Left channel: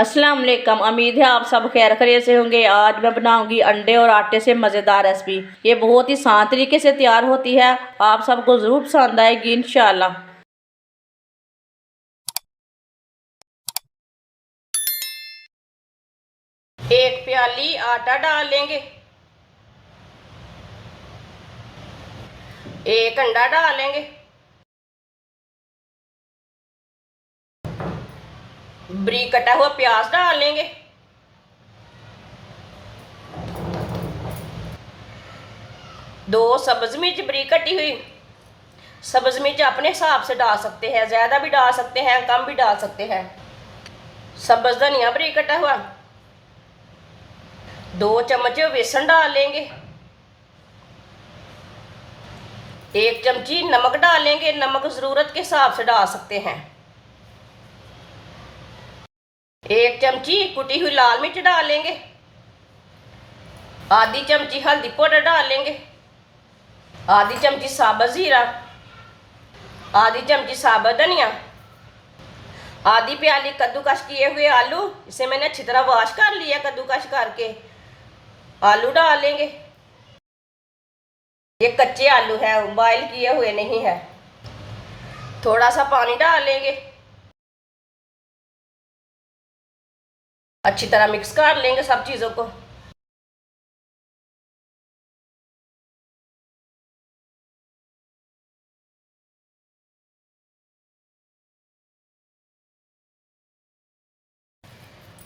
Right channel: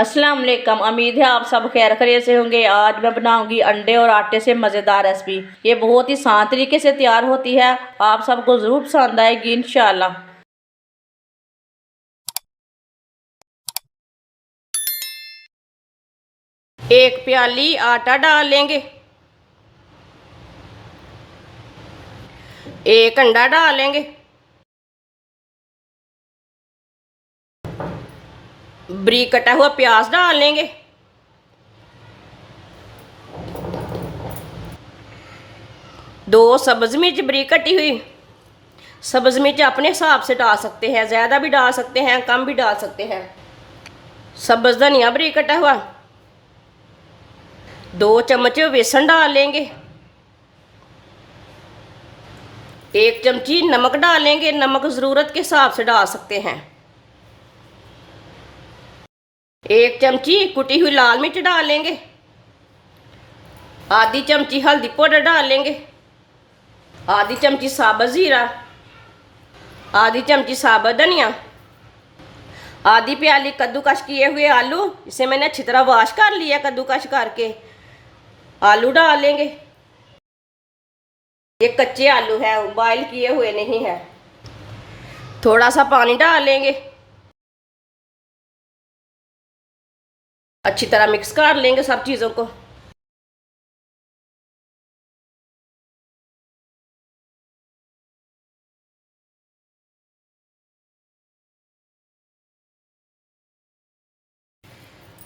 अस्सलाम वालेकुम। उम्मीद है आप सब खैर खैरियत से होंगे। आज मैं बनाऊंगी अंडे और आटे से मज़ेदार रेसिपी। ये बहुत ही आसान तरीके से तैयार होती है, आप सबको ज़रूर पसंद आएगी इंशाल्लाह। एक प्याली आटा डाल लेंगे, एक अंडा डाल लेंगे, बारीक कटा हुआ प्याज डाल लेंगे, दो सब्ज मिर्च बारीक कटी हुई। सब्ज मिर्च अपने हिसाब से डाल सकते हैं, ज़्यादा भी डाल सकते हैं, कम भी डाल सकते हैं। सब्ज धनिया बारीक कटा हुआ, 2 चम्मच बेसन डाल लेंगे, 1 चमची नमक डाल लेंगे। नमक ज़रूरत के हिसाब से डाल सकते हैं। 1 चमची कुटी हुई लाल मिर्च डाल लेंगे, आधी चमची हल्दी पाउडर डाल लेंगे, आधी चमची साबुत जीरा, आधी चमची साबुत धनिया, आधी प्याली कद्दूकश किए हुए आलू। इसे मैंने अच्छी तरह वॉश कर लिया कद्दूकश करके। आलू डाल लेंगे, ये कच्चे आलू है, बॉयल किए हुए नहीं है। थोड़ा सा पानी डाल लेंगे, अच्छी तरह मिक्स कर लेंगे सब चीज़ों को।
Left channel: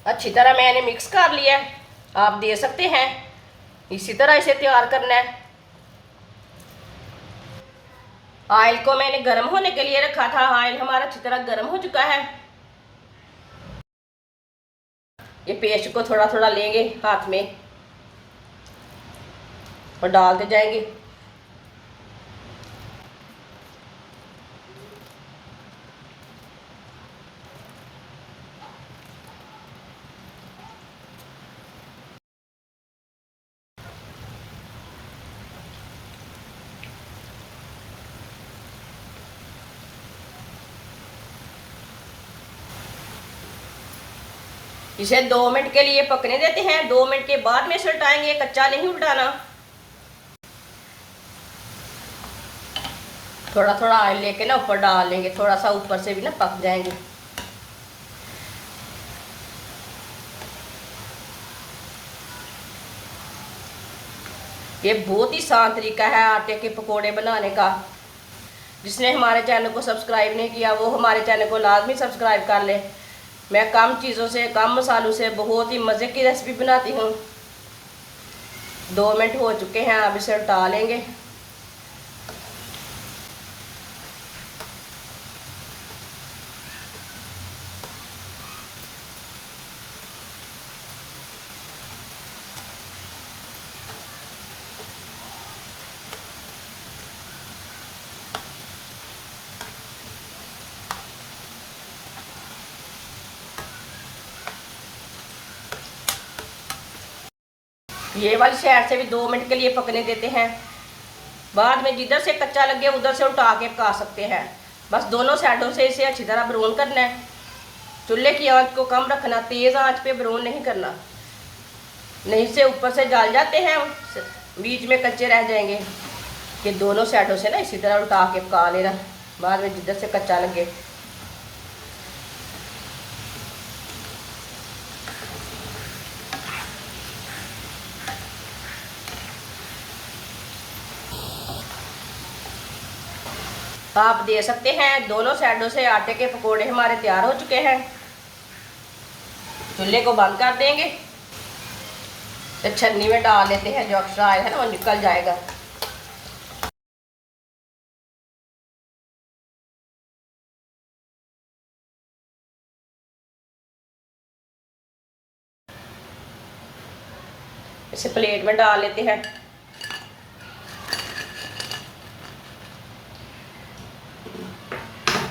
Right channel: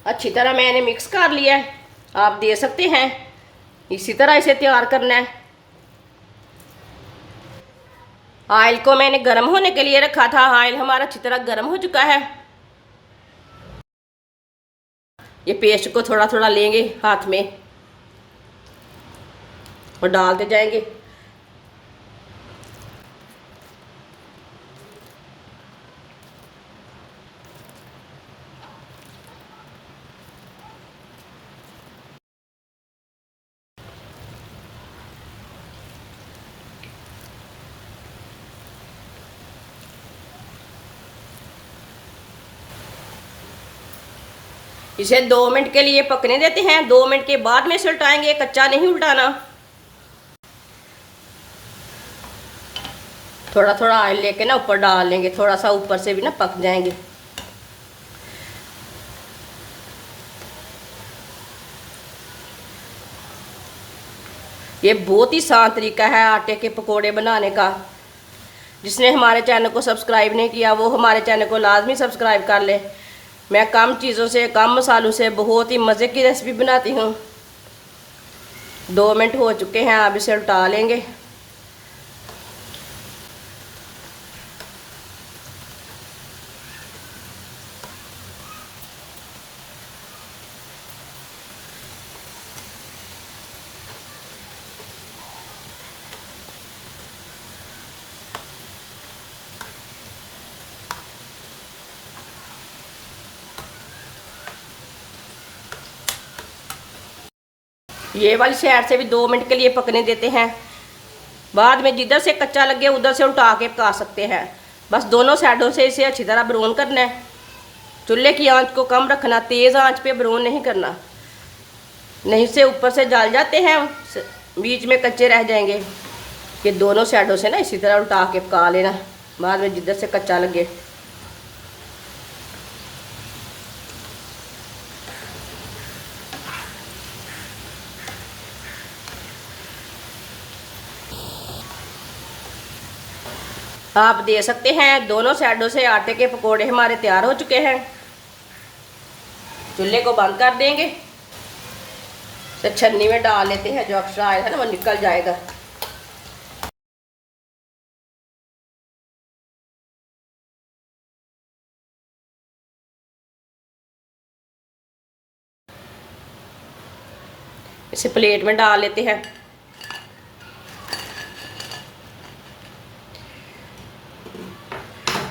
अच्छी तरह मैंने मिक्स कर लिया है, आप दे सकते हैं। इसी तरह इसे तैयार करना है। ऑयल को मैंने गर्म होने के लिए रखा था। ऑयल हमारा अच्छी तरह गर्म हो चुका है। ये पेस्ट को थोड़ा थोड़ा लेंगे हाथ में और डालते जाएंगे। इसे 2 मिनट के लिए पकने देते हैं। 2 मिनट के बाद में इसे उल्टाएंगे, कच्चा नहीं उल्टाना। थोड़ा थोड़ा ऑयल लेके ना ऊपर डाल लेंगे, थोड़ा सा ऊपर से भी ना पक जाएंगे। ये बहुत ही आसान तरीका है आटे के पकोड़े बनाने का। जिसने हमारे चैनल को सब्सक्राइब नहीं किया वो हमारे चैनल को लाजमी सब्सक्राइब कर ले। मैं कम चीज़ों से, कम मसालों से बहुत ही मज़े की रेसिपी बनाती हूँ। 2 मिनट हो चुके हैं, अब इसे उल्टा लेंगे। ये वाली साइड से भी 2 मिनट के लिए पकने देते हैं। बाद में जिधर से कच्चा लगे उधर से उल्टा के पका सकते हैं। बस दोनों साइडों से इसे अच्छी तरह ब्राउन करना है। चूल्हे की आंच को कम रखना, तेज़ आंच पे ब्राउन नहीं करना, नहीं से ऊपर से जल जाते हैं, बीच में कच्चे रह जाएंगे। ये दोनों साइडों से ना इसी तरह उल्टा के पका लेना, बाद में जिधर से कच्चा लगे। आप दे सकते हैं। दोनों साइडों से आटे के पकोड़े हमारे तैयार हो चुके हैं। चूल्हे को बंद कर देंगे। तो छन्नी में डाल लेते हैं, जो एक्स्ट्रा ऑयल है ना वो निकल जाएगा। इसे प्लेट में डाल लेते हैं।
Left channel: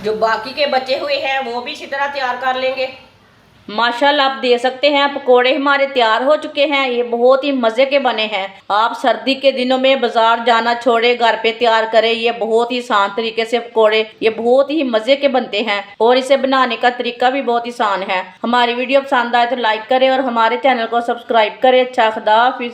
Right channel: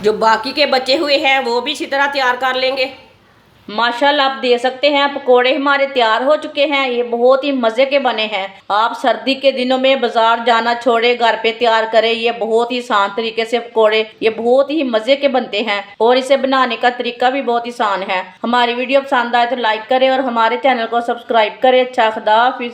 जो बाकी के बचे हुए हैं वो भी इसी तरह तैयार कर लेंगे। माशाल्लाह आप देख सकते हैं पकोड़े हमारे तैयार हो चुके हैं। ये बहुत ही मज़े के बने हैं। आप सर्दी के दिनों में बाजार जाना छोड़े, घर पे तैयार करें। ये बहुत ही आसान तरीके से पकोड़े, ये बहुत ही मज़े के बनते हैं और इसे बनाने का तरीका भी बहुत आसान है। हमारी वीडियो पसंद आए तो लाइक करें और हमारे चैनल को सब्सक्राइब करें। अच्छा, खुदा हाफिज़।